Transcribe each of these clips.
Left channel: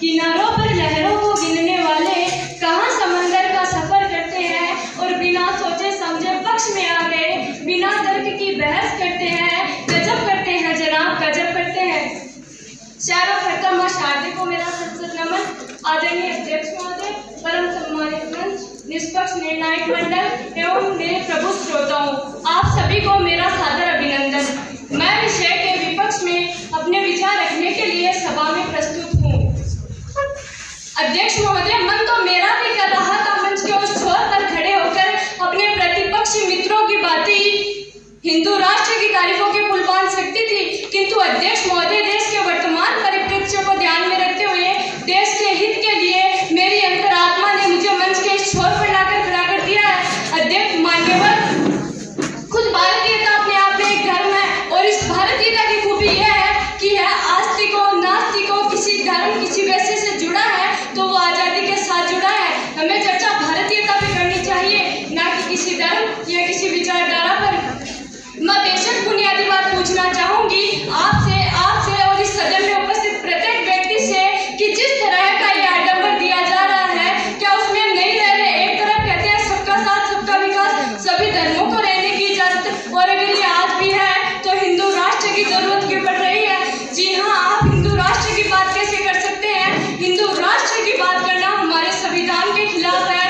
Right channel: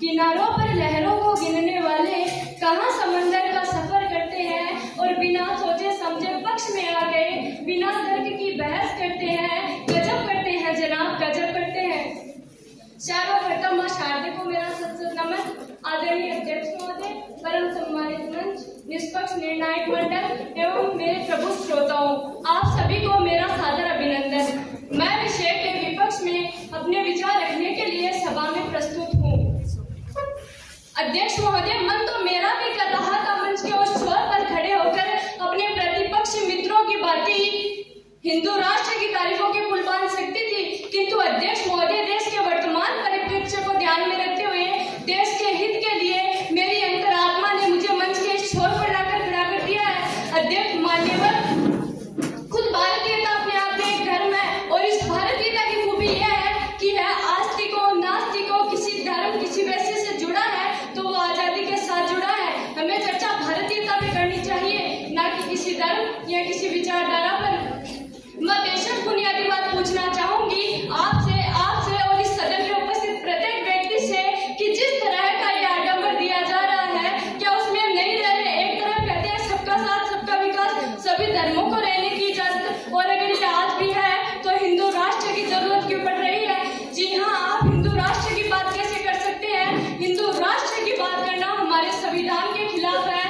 किनारों पर लहरों को गिनने वाले कहाँ समंदर का सफर करते हैं और बिना सोचे समझे पक्ष में आ गए, बिना तर्क की बहस करते हैं। गजब करते हैं जनाब, गजब करते हैं। सर्वप्रथम शारदे को मेरा सत्सत नमन। आदरणीय अध्यक्ष महोदय, परम सम्मानित मंच, निष्पक्ष निर्णायक मंडल एवं मेरे प्रभु श्रोताओं, आप सभी को मेरा सादर अभिनंदन। मैं विषय के विपक्ष में अपने विचार रखने के लिए सभा में प्रस्तुत हूँ। अध्यक्ष महोदय, मन तो मेरा भी कर रहा था मंच के उस छोर पर खड़े होकर अपने प्रतिपक्षी मित्रों की बातें हिंदू राष्ट्र की तारीफों के पुल बांध सकती थी, किंतु अध्यक्ष महोदय देश के वर्तमान परिप्रेक्ष्य को ध्यान में रखते हुए देश के हित के लिए मेरी अंतरात्मा ने मुझे मंच के इस छोर पर लाकर खड़ा कर दिया है। अध्यक्ष मान्यवर, खुद भारतीयता अपने आप में एक धर्म है और इस भारतीयता की खूबी यह है कि यह आस्तिकों नास्तिकों किसी धर्म किसी वैसे से जुड़ा है तो वो आजादी के साथ जुड़ा है। हमें चर्चा भारतीयता पे करनी चाहिए, ना कि किसी धर्म या किसी विचारधारा पर। मैं बेशक बुनियादी बात पूछना चाहूंगी आपसे और इस सदन में उपस्थित प्रत्येक व्यक्ति से कि जिस तरह का यह आडंबर दिया जा रहा है, क्या उसमें हम नहीं रह रहे? एक तरफ कहते हैं सबका साथ सबका विकास, सभी धर्मों को रहने की इजाजत, और अगर ये आज भी है तो हिंदू राष्ट्र की जरूरत क्यों पड़ रही है? जी हाँ, आप हिंदू राष्ट्र की बात कैसे कर सकते हैं? हिंदू राष्ट्र की बात करना हमारे संविधान के खिलाफ है।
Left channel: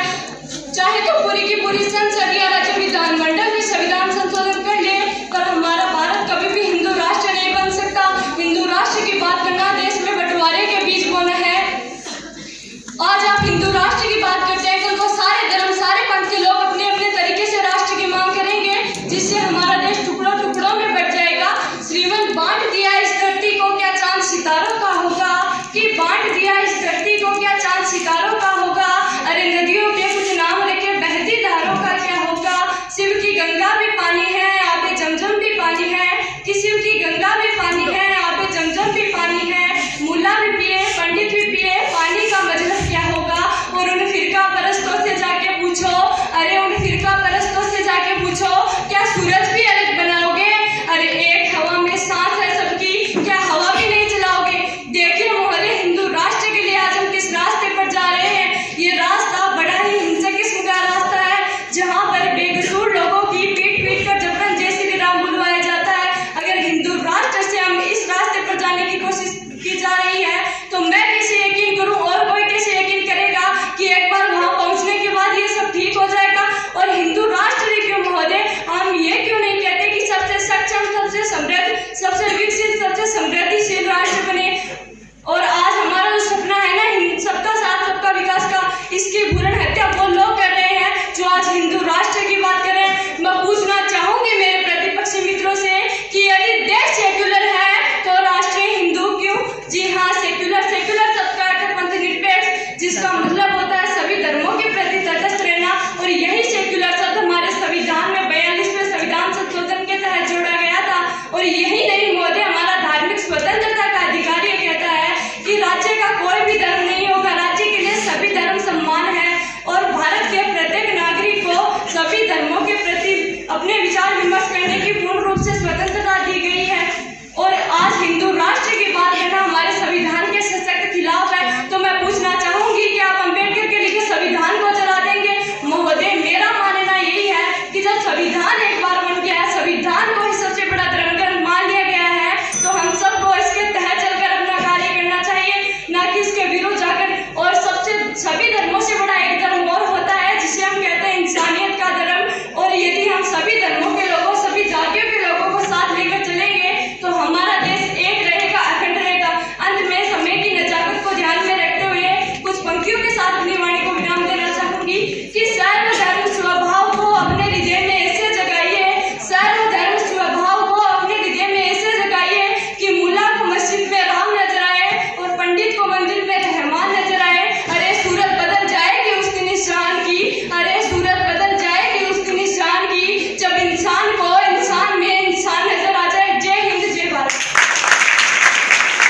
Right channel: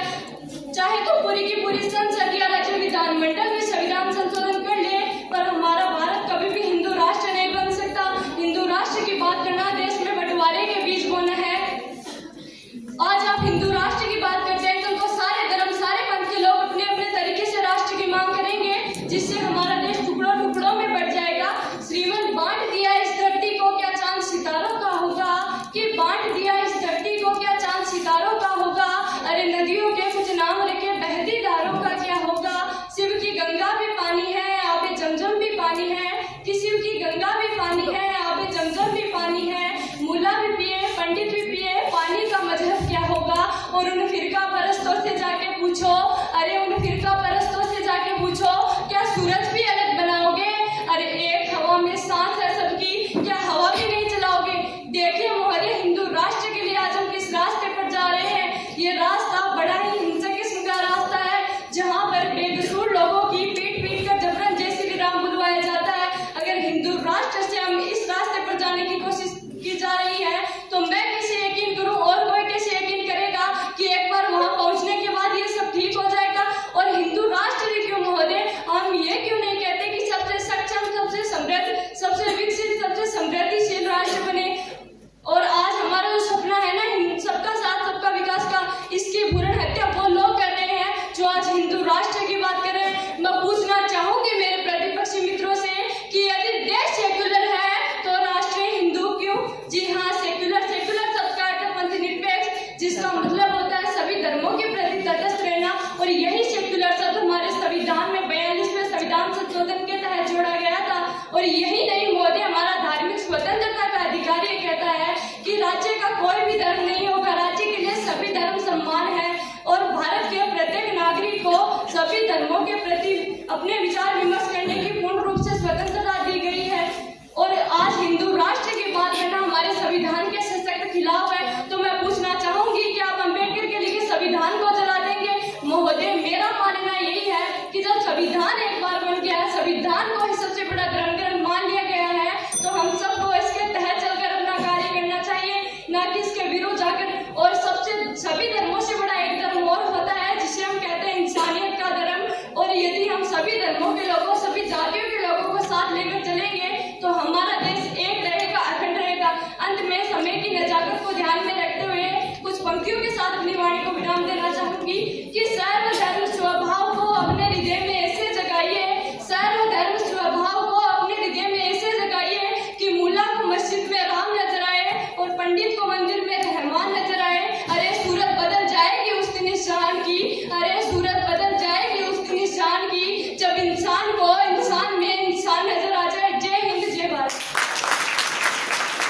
चाहे तो पूरी की पूरी संसद या राज्य विधानमंडल भी संविधान संशोधन कर ले, पर हमारा भारत कभी भी हिंदू राष्ट्र नहीं बन सकता। हिंदू राष्ट्र की बात करना देश में बंटवारे के बीज बोना है। आज आप हिंदू राष्ट्र की बात करते हैं, कल को सारे धर्म सारे पंथ के लोग अपने अपने तरीके से राष्ट्र की मांग करेंगे, जिससे हमारा देश टुकड़ों टुकड़ों में बट जाएगा। श्रीमंत बांट दिया इस धरती को, क्या चांद सितारों का होगा? कि बांट दिया इस धरती को, क्या चांद सितारों का होगा? अरे नदियों के कुछ नाम रखे बहती धारों का क्या होगा? शिव की गंगा भी पानी है, आबे जमजम भी पानी है। कि शिव की गंगा भी पानी है, आबे जमजम भी पानी है। मुल्ला भी पिए पंडित भी पिए, पानी का मजहब क्या होगा? और उन फिरका परस्तों से जाके पूछो, अरे उन फिरका परस्तों से जाके पूछो, क्या सूरज भी अलग बनाओगे? अरे एक हवा में सांस है सबकी, क्या हवा भी नहीं चलाओगे? देखिए महोदय, हिंदू राष्ट्र के लिए आज हम किस रास्ते पर जा रहे हैं। ये रास्ता बड़ा ही हिंसक किस्म का रास्ता है, जहाँ पर बेकसूर लोगों की पीट पीट कर जबरन जय श्री राम बुलवाया जाता है। अगर हिंदू राष्ट्र से हम इस रास्ते पर जाने की कोशिश की जा रही है तो मैं कैसे यकीन करूं और कोई कैसे यकीन करेगा कि एक बार वहां पहुंचने के बाद ये सब ठीक हो जाएगा? और हिंदू राष्ट्र ही क्यों महोदय, हम ये क्यों नहीं कहते कि सबसे सक्षम सबसे समृद्ध सबसे विकसित सबसे समृद्धिशील राष्ट्र बने? और आज हमारा जो सपना है ना सबका साथ सबका विकास का, इसकी भ्रूण हत्या वो लोग कर रहे हैं जो आज हिंदू राष्ट्र की बात कर रहे हैं। मैं पूछना चाहूंगी मेरे प्रतिपक्षी मित्रों से कि यदि देश सेक्युलर है तो राष्ट्र हिंदू क्यों? जी हाँ, सेक्युलर सबका अर्थ पंथ निरपेक्ष, जिसका मतलब होता है सभी धर्मों के प्रति तटस्थ रहना। और यही सेक्युलर शब्द हमारे संविधान में 42वें संविधान संशोधन के तहत जोड़ा गया था। और यही नहीं महोदय, हमारा धार्मिक स्वतंत्रता का अधिकार ये कहता है कि राज्य का कोई भी धर्म नहीं होगा, राज्य के लिए सभी धर्म सम्मान है और भारत के प्रत्येक नागरिक को सभी धर्मों के प्रति अपने विचार विमर्श करने की